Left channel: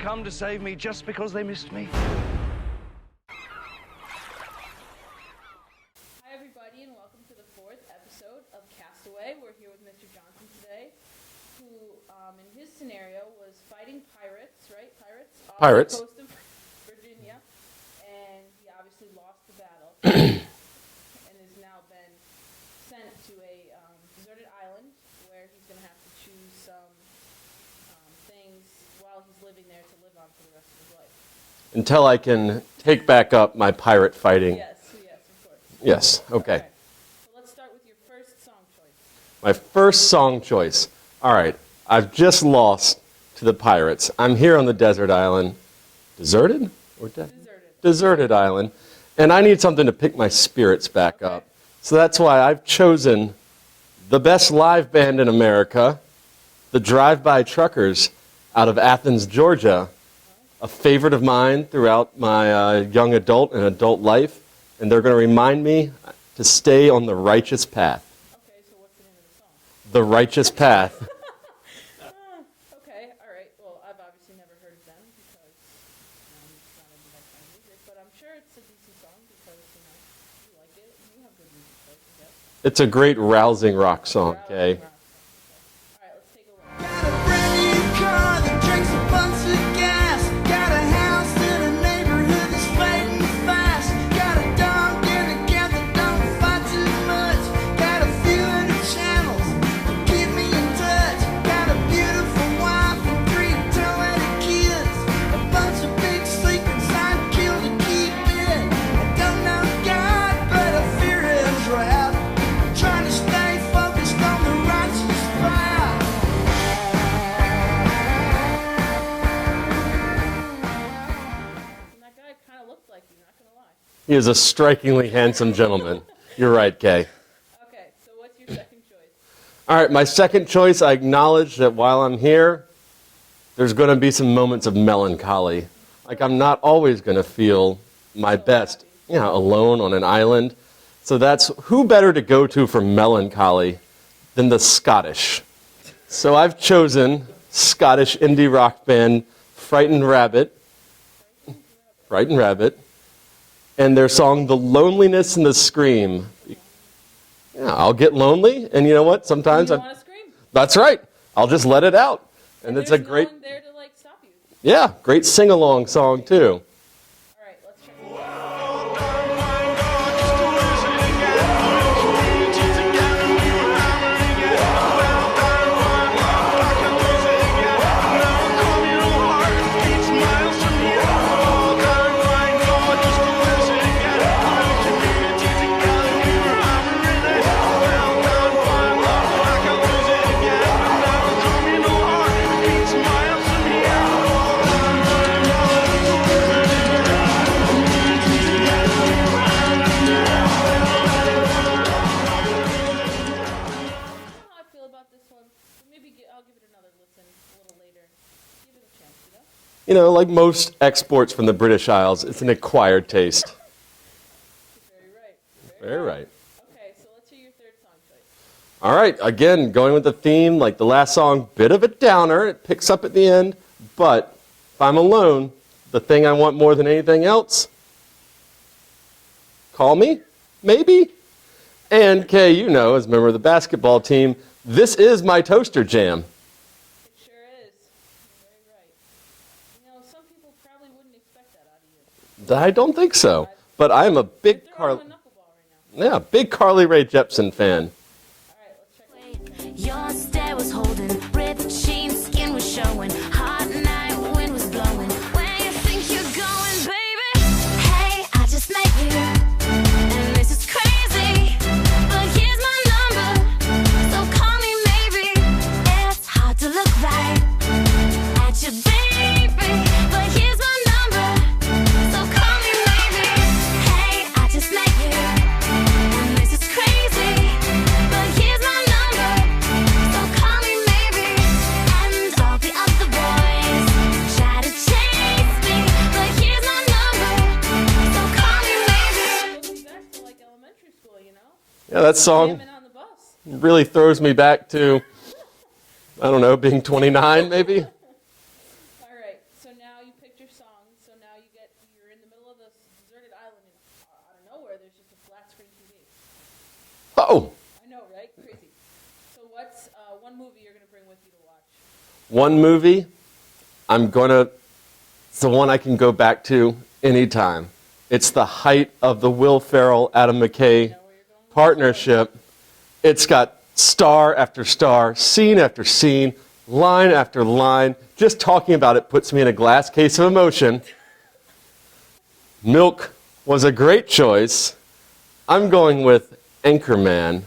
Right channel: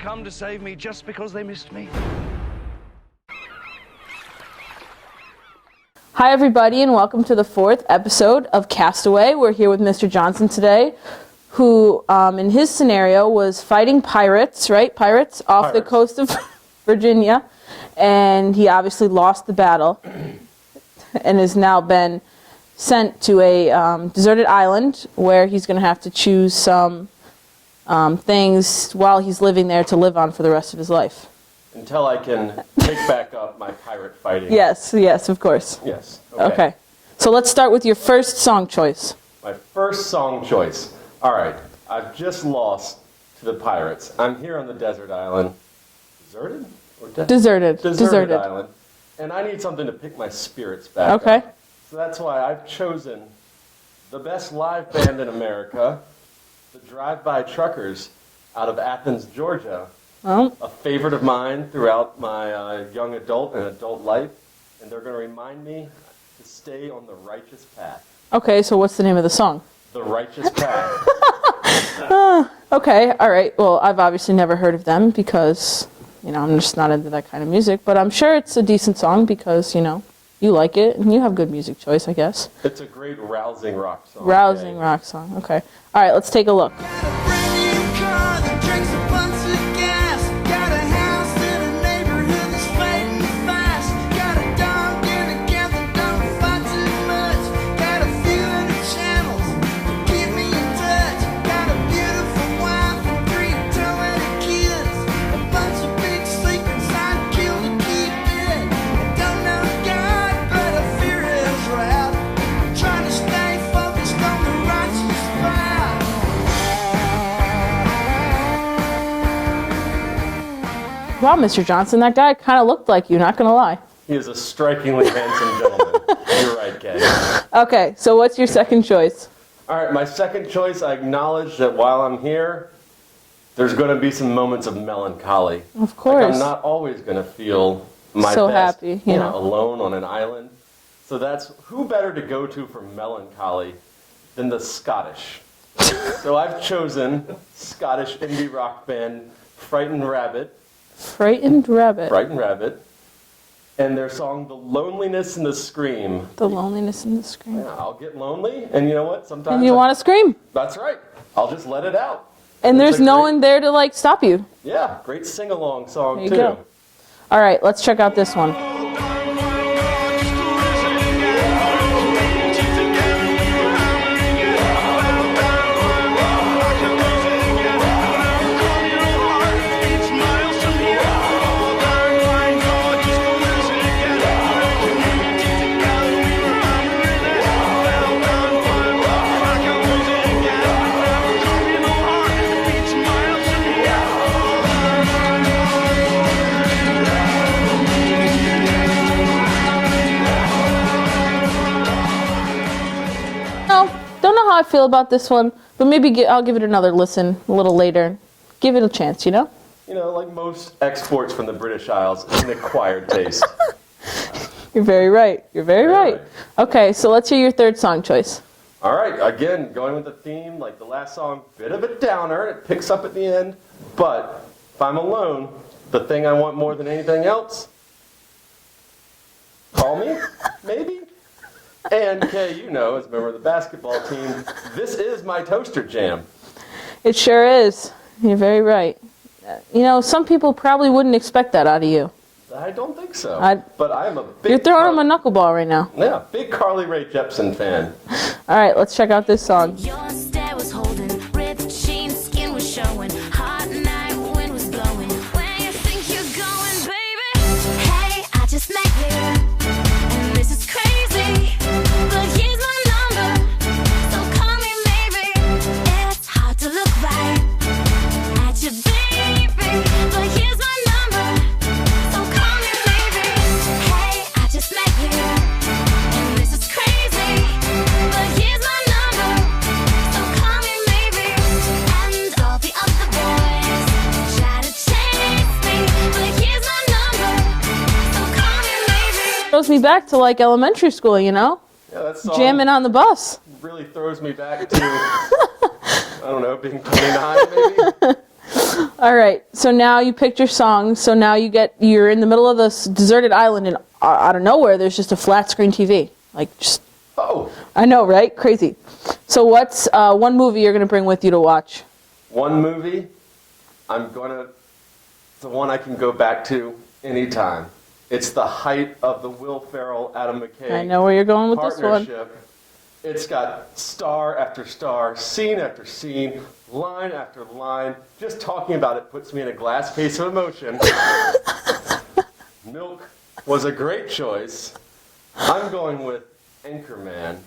come to save me just because they missed me. Hi everybody and welcome to the 4th episode of Castaway. We're here with Mr. Johnson today, who in his scenario was fighting pirates, right? Pirates off the coast of Virginia, and he obviously lost the battle and has now been sent to a deserted island where he's going to have to choose some things while he's living there to live on for the rest of his life. Until I can pick back up my pirate fighting. Yes, of course. Yes, okay. Okay. So let's start with your first song choice. My first song choice. All right, I've just lost to the pirates. I'm here on the desert island. Deserted? Or Deserted. Deserted island. And I need something to pick my spirits back up. So that's why I've chosen the best live band in America, the Drive-By Truckers out of Athens, Georgia. A favorite of mine throughout my young adult and adult life, and they're going to remind me to stay on the righteous path. Okay, so what's the name of the song? The Righteous Path. Okay, all right. Well, I've obviously never heard of them because, I'm just not into that kind of music, but I'm sure it's a decent song because, you like it, and you have good music choice, I guess. It's a great rousing rock song. Rousing rock song, okay. All right, let's take a look. Got a brand new car that drinks a bunch of gas. Got a house in a neighborhood that's fading fast. Got a dog and a cat that don't fight too much. Got a few hundred channels to keep me in touch. Got a beautiful wife and 3 talented kids. A bunch of big secrets I'd kill to keep it. I don't know God, but I fear His wrath. I'm trying to stay focused on the righteous path. Wow, Mr. Johnson, that guy kind of looked like you, not going to lie. He is a strikingly handsome gentleman. You're right, Kay. Okay, so what's your second choice? All right, my second choice, I acknowledge that while I'm here, there's going to be some moments of melancholy. Of course. Like I'm not always going to feel my So best, happy, yeah. alone on an island. So that's who better to go to for melancholy than the Scottish. So I've chosen Scottish indie rock band Frightened Rabbit. Frightened Rabbit. Frightened Rabbit. And their song The Loneliness and the Scream. The Loneliness and the Scream. Yeah, I'll get lonely, and you know what? Sometimes You want to scream. That's right. I'll just let it out. And it's there's a no great- one there to, stop you. Yeah, great sing-along song, There you too. go. All right, let's check out this one. Don't know how I feel about this one, but maybe I'll give it another listen a little later. Give it a chance, You know, like most exports from the British Isles, it's an acquired taste. You're very right. You're very right. Okay, so let's hear your third song choice. All right, again, going with the theme, like the last song, bit of a downer. It picks up at the end, but if I'm alone, the thing I want more than anything else, call me, maybe. And Kay, as a member of the basketball team, this is my toaster jam. It sure is. You're very right. Some people probably wouldn't expect that out of you. I don't think so. But I'm a big... You're throwing him a knuckleball right now. Yeah, big Carly Rae Jepsen fan. All right, let's check out this song. Your stare was holding, ripped jeans, skin was showing, hot night, wind was blowing. Where you think you're going, baby? Hey, I just met you, and this is crazy, but here's my number, so call me maybe. It's hard to look right at you, baby, but here's my number, so call me maybe. Hey, I just met you, and this is crazy, but here's my number, so call me maybe. And all the other boys try to chase me, but here's my number, so call me maybe. Throws me back to elementary school, Yeah, that song jamming on the bus. really throws me back to, I don't know, being 29 maybe. All right. So now you picked your song. So now you're in the middle of this deserted island, and out of nowhere, there's just a flat screen TV. Like, just. Oh. I know, right? Crazy. So what's one movie you're going to bring with you to watch? One movie, it's the one I can go back to anytime. It's the height of the Will Ferrell, Adam McKay I know where you're going with partnership. It's got star after star, scene after scene, line after line. Just talking about it puts me in a glass case of emotion. Milk was a great choice. I'm going with Anchorman.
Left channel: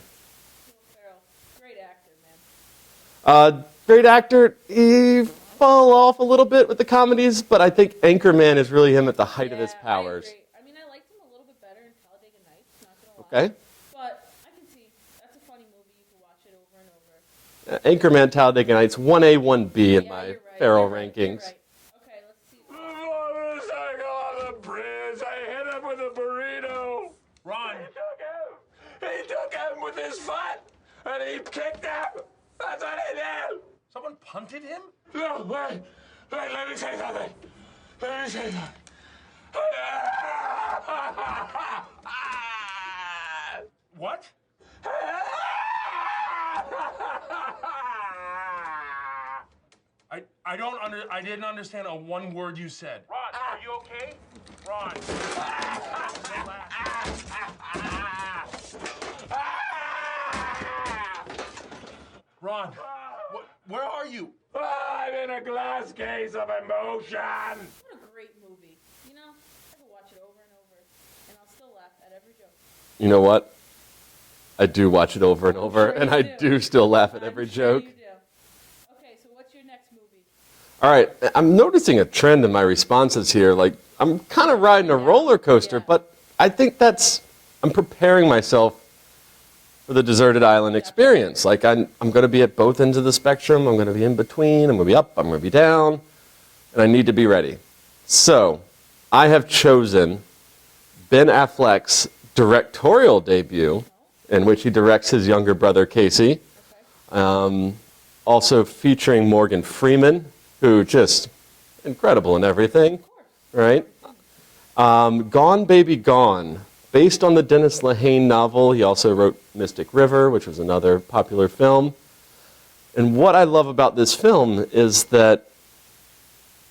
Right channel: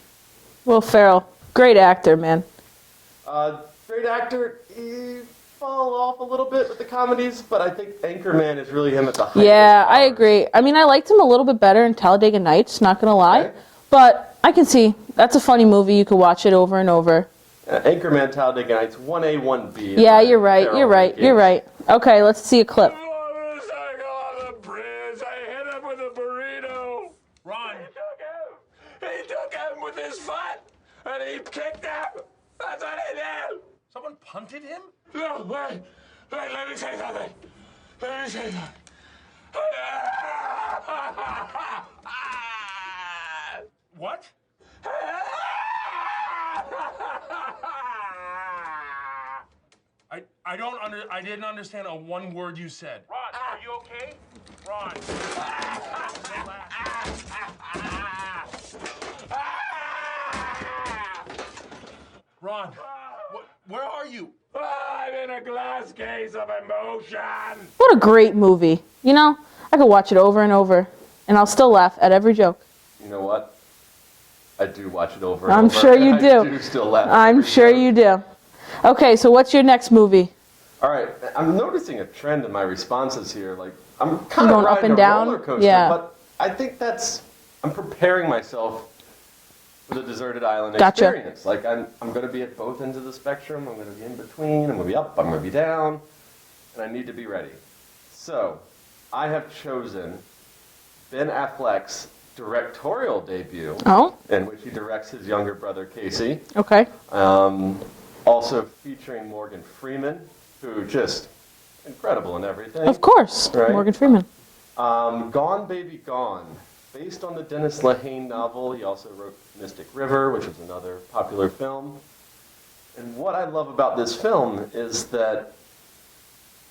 Will Ferrell. Great actor, man. Great actor. He fall off a little bit with the comedies, but I think Anchorman is really him at the height of his Yeah, powers. I agree. I mean, I liked him a little bit better in Talladega Nights, not going to lie. Okay. But I can see that's a funny movie. You could watch it over and over. Anchorman, Talladega Nights, 1A, 1B. Yeah, you're right. You're right. You're right. Okay, let's see a clip. On the bridge, I hit him with a burrito. Ron. He took him with his foot, and he kicked him. That's what he did. Someone punted him? No, wait, let me say something. Let me say something. What? I didn't understand a one word you said. Ron, are you okay? Ron. Ron, where are you? I'm in a glass case of emotion. What a great movie. You know, I could watch it over and over, and I'll still laugh at every joke. You know what? I do watch it over and I'm over. sure you and do. I do still laugh at I'm every sure joke. you do. Okay, so what's your next movie? All right, I'm noticing a trend in my responses here. Like, I'm kind of Going up riding a and down? roller coaster, Yeah. but I think I'm preparing myself for the deserted island Gotcha. experience. Like, I'm going to be at both ends of the spectrum. I'm going to be in between. I'm going to be up. I'm going to be down. And I need to be ready. So, I have chosen Ben Affleck's directorial debut, Oh, in which he directs his younger brother, Casey. okay. Also featuring Morgan Freeman, who just incredible in everything. Of course. Right? Morgan Freeman. Gone Baby Gone, based on the Dennis Lehane novel. He also wrote Mystic River, which was another popular film. And what I love about this film is that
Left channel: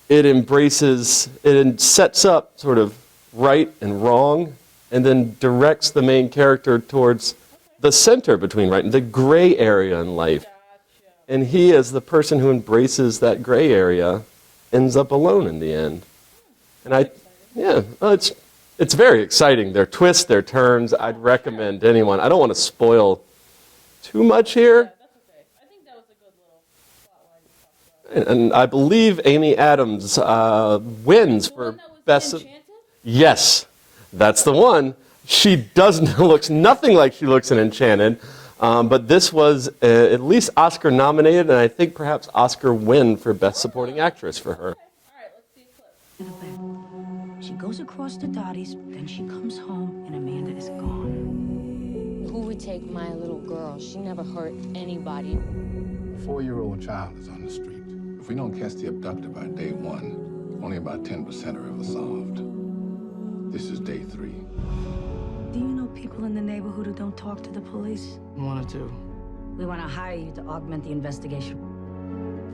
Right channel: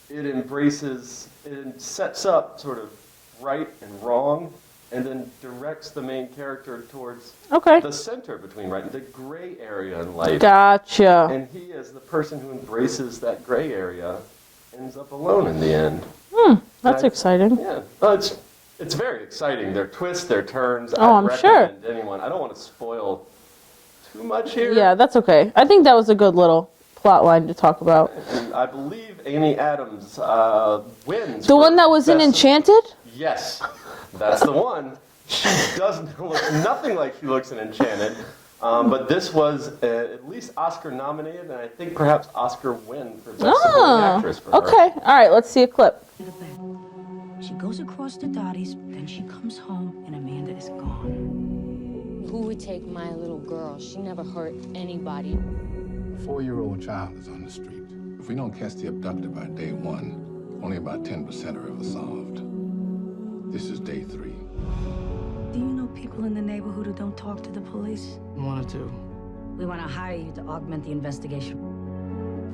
it sets up sort of right and wrong, and then directs the main character towards Okay. the center between right and the gray area in life. Gotcha. And he, as the person who embraces that gray area, ends up alone in the end. That's I- exciting. Yeah, well, it's very exciting. Their twists, their turns. Oh, I'd I'm sure. recommend anyone. I don't want to spoil too much here. Yeah, that's okay. I think that was a good little plot line to talk about. And I believe Amy Adams wins. The for one that was in best- Enchanted? Yes, that's the one. She looks nothing like she looks in Enchanted. But this was at least Oscar nominated, and I think perhaps Oscar win for Best Supporting Actress for her. Okay. All right, let's see a clip. To the bed. She goes across to Dottie's, then she comes home, and Amanda is gone. Who would take my little girl? She never hurt anybody. A 4-year-old child is on the street. If we don't catch the abductor by day 1, only about 10% are ever solved. This is day 3. Do you know people in the neighborhood who don't talk to the police? Wanted to. We want to hire you to augment the investigation.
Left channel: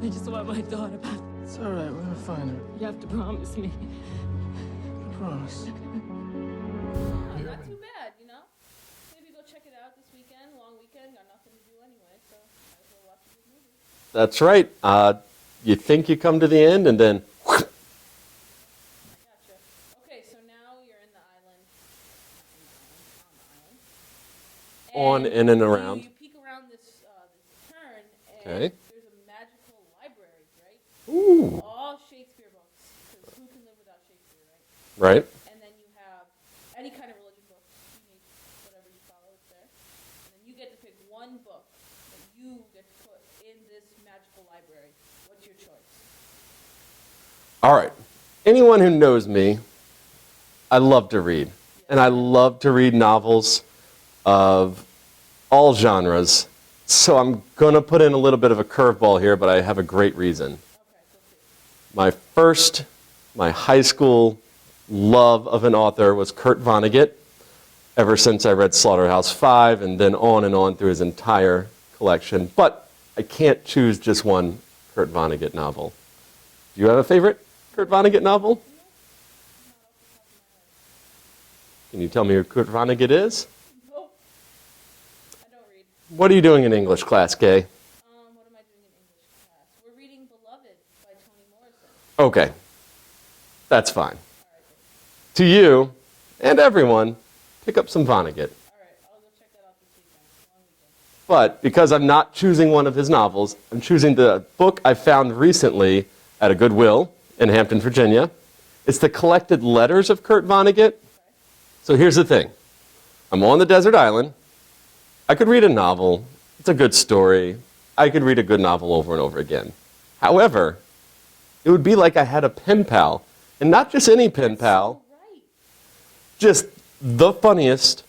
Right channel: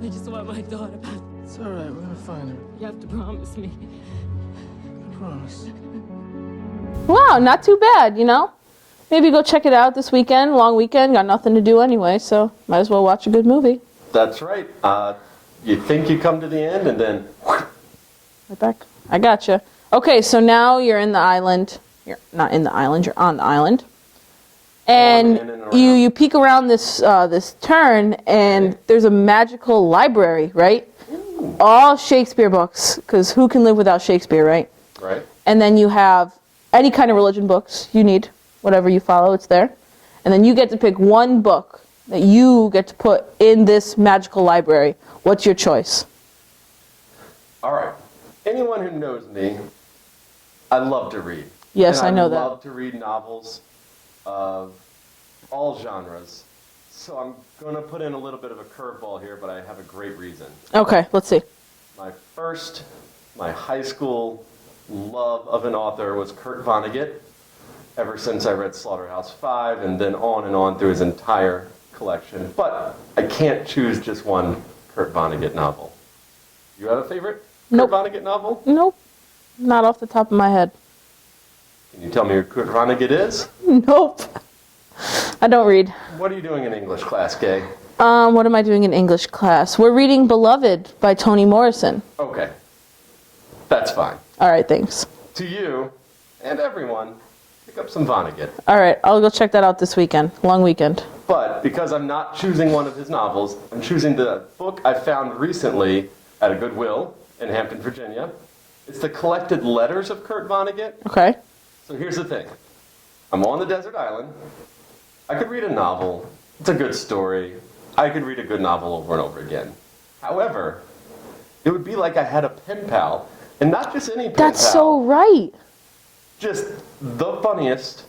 I just want my daughter back. It's all right. We're gonna find her. You have to promise me. I promise. Wow, not too bad, you know? Maybe go check it out this weekend, long weekend, got nothing to do anyway, so might as well watch a good movie. That's right. You think you come to the end, and then Right back. I gotcha. Okay, so now you're in the island. You're not in the island, you're on the island. And, in and around. you peek around this this turn, and Right. there's a magical library, right? Ooh. All Shakespeare books, because who can live without Shakespeare, right? right? And then you have any kind of religion books you need, whatever you follow, it's there. And then you get to pick one book that you get to put in this magical library. What's your choice? All right. Anyone who knows me, I love to read. Yes, and I know that. love to read novels of all genres. So I'm going to put in a little bit of a curveball here, but I have a great reason. Okay, let's see. my high school love of an author was Kurt Vonnegut, ever since I read Slaughterhouse-Five, and then on through his entire collection. But I can't choose just one Kurt Vonnegut novel. Do you have a favorite Nope. Kurt Vonnegut novel? Nope. Not off the top of my head. Can you tell me who Kurt Vonnegut is? Nope. I don't read. What are you doing in English class, Kay? What am I doing in English class? We're reading Beloved by Toni Morrison. Okay. That's fine. All right, thanks. To you and everyone, pick up some Vonnegut. All right, I'll go check that out this weekend. Long weekend. But because I'm not choosing one of his novels, I'm choosing the book I found recently at a Goodwill in Hampton, Virginia. It's the collected letters of Kurt Vonnegut. Okay. So here's the thing. I'm on the desert island. I could read a novel. It's a good story. I could read a good novel over and over again. However, it would be like I had a pen pal. And not just any pen pal. That's so right. Just the funniest,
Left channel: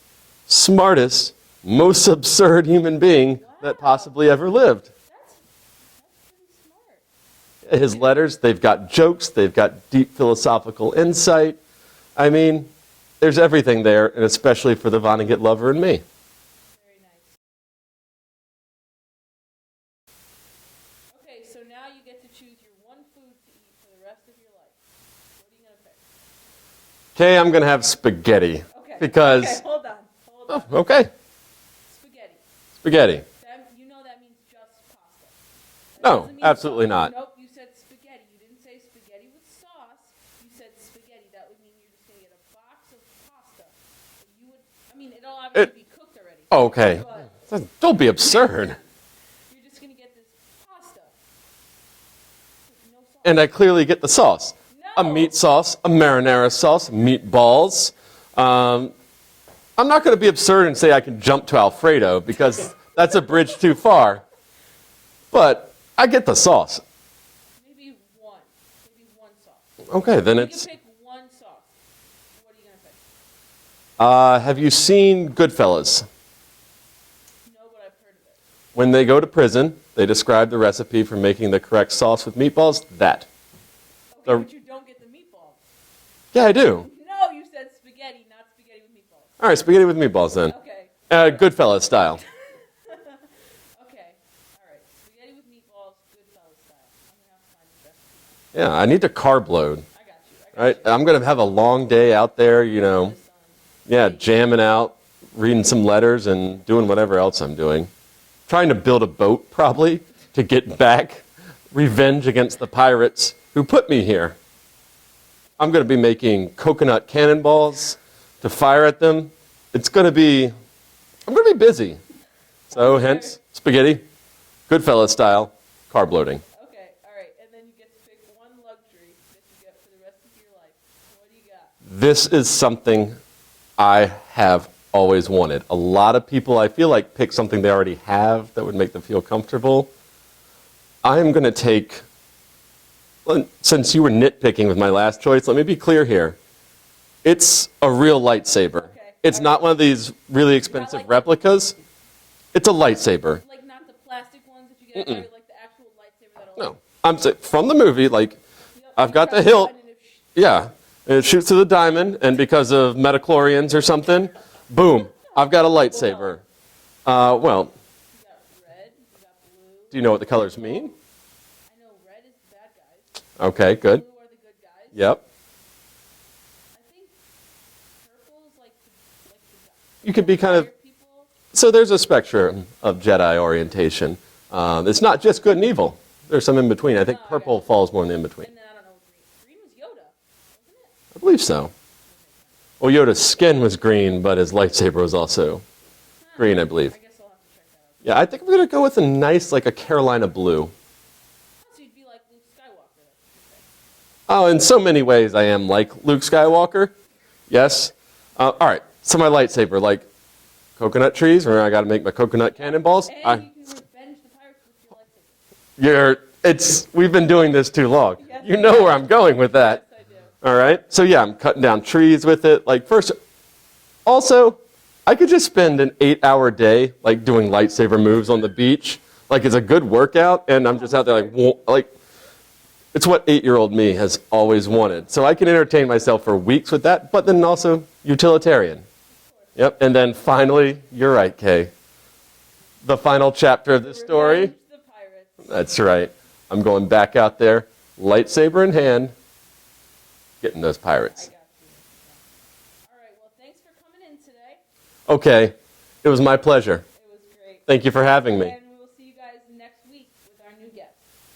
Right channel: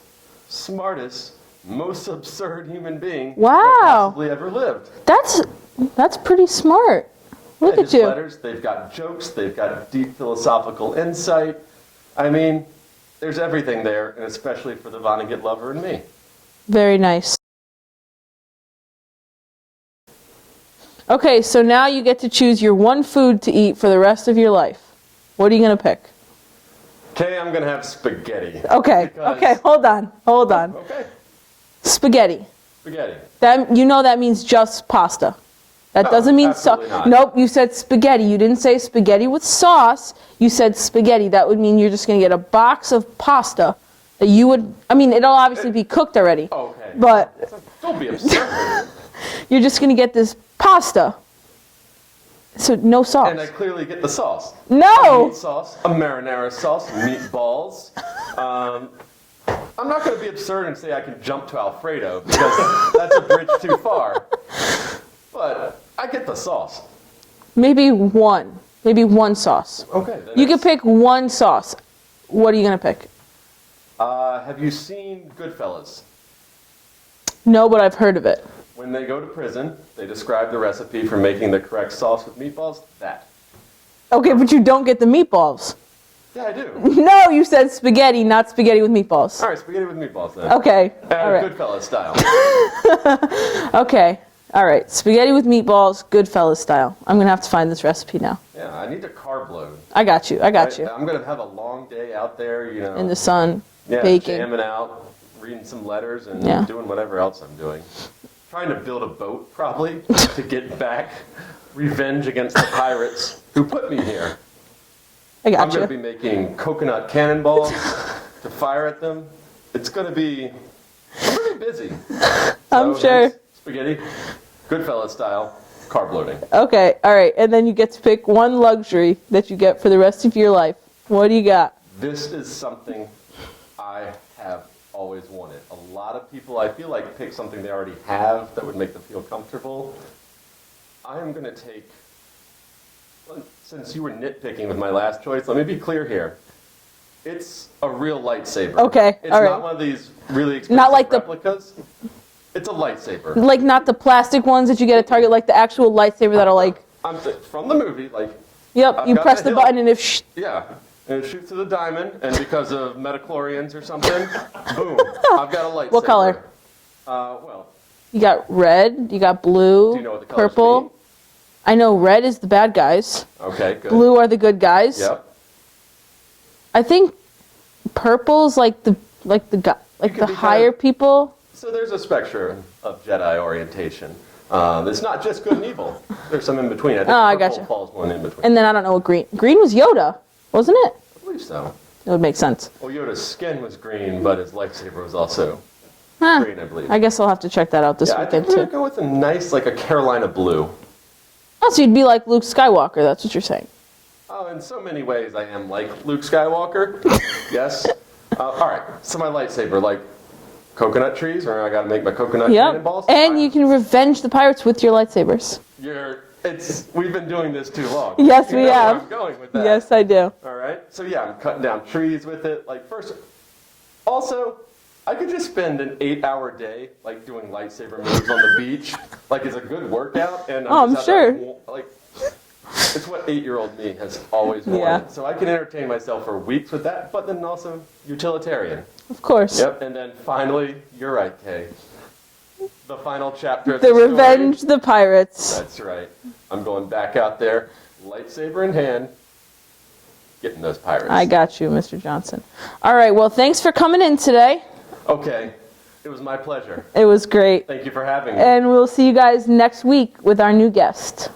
smartest, most absurd human being that possibly ever lived. That's pretty smart. Look His at you. letters, they've got jokes, they've got deep philosophical insight. I mean, there's everything there, and especially for the Vonnegut lover and me. Very nice. Okay, so now you get to choose your one food to eat for the rest of your life. What are you going to pick? Okay, I'm going to have spaghetti. Okay. Because... Okay, hold on. Okay. Spaghetti. Spaghetti. That means just pasta. That No, doesn't mean absolutely not. Nope, you said spaghetti. You didn't say spaghetti with sauce. You said spaghetti. That would mean you're just going to get a box of pasta that you would, it'll obviously be cooked already. Okay. But don't be absurd. you're just going to get this pasta. So no sauce. And I clearly get the sauce. No. A meat sauce, a marinara sauce, meatballs. I'm not going to be absurd and say I can jump to Alfredo because that's a bridge too far. But I get the sauce. Maybe one sauce. Okay, then you can pick one sauce. What are you going to pick? Have you seen Goodfellas? No, but I've heard of it. When they go to prison, they describe the recipe for making the correct sauce with meatballs. That. Okay, but you don't get the meatballs. Yeah, I do. No, you said spaghetti, not spaghetti with meatballs. All right, spaghetti with meatballs then. Okay. All right. Goodfellas style. Okay. All right. Spaghetti with meatballs, Goodfellas style. I'm going to have to find this recipe now. Yeah, I need to carb load. I got you. Right? I'm going to have a long day out there, in the sun. Yeah, baking. jamming out, reading some letters, and doing whatever else I'm doing. Trying to build a boat, probably, to get back. Revenge against the pirates who put me here. I'm going to be making coconut cannonballs to fire at them. It's going to be pretty busy. So I'm sure. hence, spaghetti, Goodfellas style, carb loading. Okay. All right. And then you get to pick one luxury that you get for the rest of your life. What do you got? This is something I have always wanted. A lot of people, I feel like, pick something they already have that would make them feel comfortable. I'm going to take, since you were nitpicking with my last choice, let me be clear here. It's a real lightsaber. Okay. It's all not right. one of these really expensive replicas. It's a lightsaber. Like not the plastic ones that you get at Target, like the actual lightsaber that'll like. I'm saying from the movie, like. Yep. I've you got press the the hilt. button and if. Yeah. It shoots through the diamond, and because of metachlorians or something, boom, I've got a lightsaber. What color? Well. You got red. You got blue. Do you know what the colors purple. mean? I know red is the bad guys. Okay, good. Blue are the good guys. Yep. I think purple's like the higher people. So there's a spectrum of Jedi orientation. It's not just good and evil. There's some in between. I think purple falls more in between. And then I don't know what green. Green was Yoda, wasn't it? I believe so. It would make sense. Well, Yoda's skin was green, but his lightsaber was also green, I believe. I guess I'll have to check that out this I weekend think I'm going too. to go with a nice, like a Carolina blue. Oh, so you'd be like Luke Skywalker. That's what you're saying. Oh, in so many ways I am like Luke Skywalker. Yes. All right. So my lightsaber, like coconut trees, or I got to make my coconut cannonballs. And you can revenge the pirates with your lightsabers. We've been doing this too long. Yes, you know where I'm going with that. Yes, I do. All right. So yeah, I'm cutting down trees with it. Like first, also, I could just spend an 8-hour day like doing lightsaber moves on the beach. Like it's a good workout, and I'm just out there like It's what 8-year-old me has always wanted. Yeah. So I can entertain myself for weeks with that, but then also utilitarian. Of course. Yep, and then finally, you're right, Kay. The final chapter of the story. Revenge the Pirates. That's right. I'm going back out there, lightsaber in hand, getting those pirates. I got you, Mr. Johnson. All right, well, thanks for coming in today. Okay, it was my pleasure. It was great. Thank you for having me. And we'll see you guys next week with our new guest.